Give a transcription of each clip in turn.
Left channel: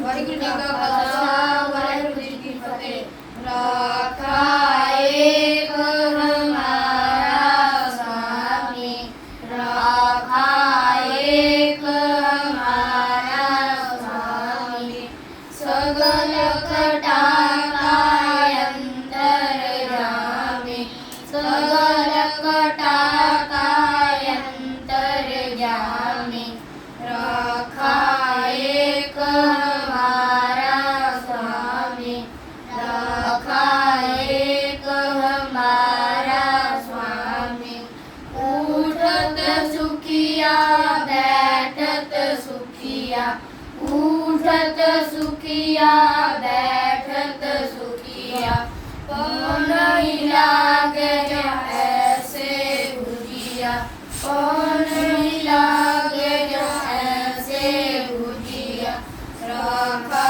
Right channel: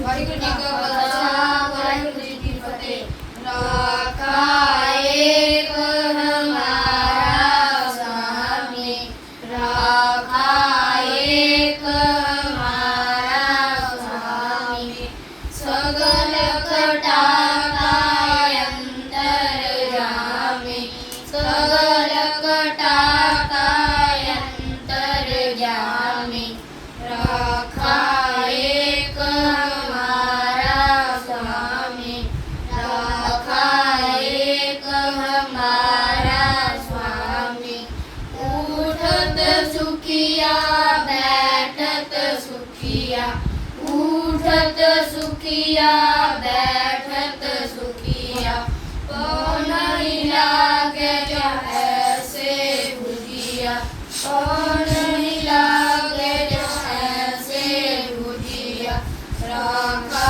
ਵਾਹਿਗੁਰੂ ਜੀ ਕਾ ਖਾਲਸਾ ਵਾਹਿਗੁਰੂ ਜੀ ਕੀ ਫਤਿਹ ਰਾਖਾ ਏਕ ਹਮਾਰਾ ਸਾਮੀ ਰਾ उठत सुखिया बैठत सुखिया को नहीं लागे जो ऐसे भुजिया को नहीं लागे जो ऐसे भुजिया राखा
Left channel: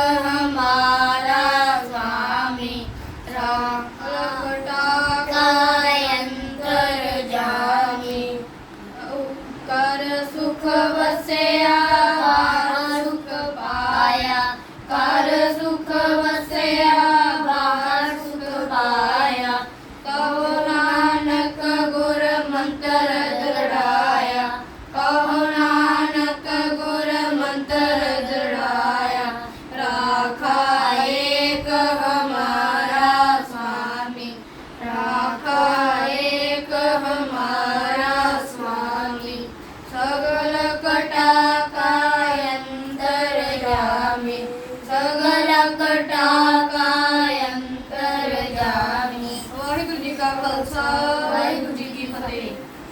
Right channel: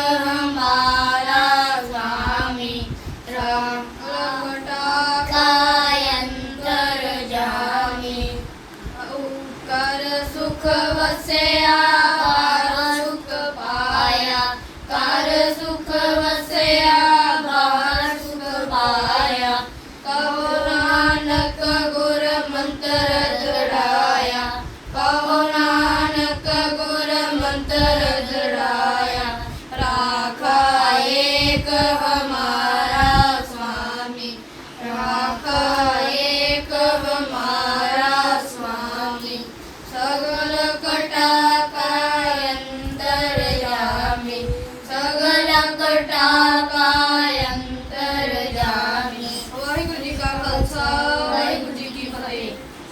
सुख बसे સગલકટાકાયંતરયામી સગલકટા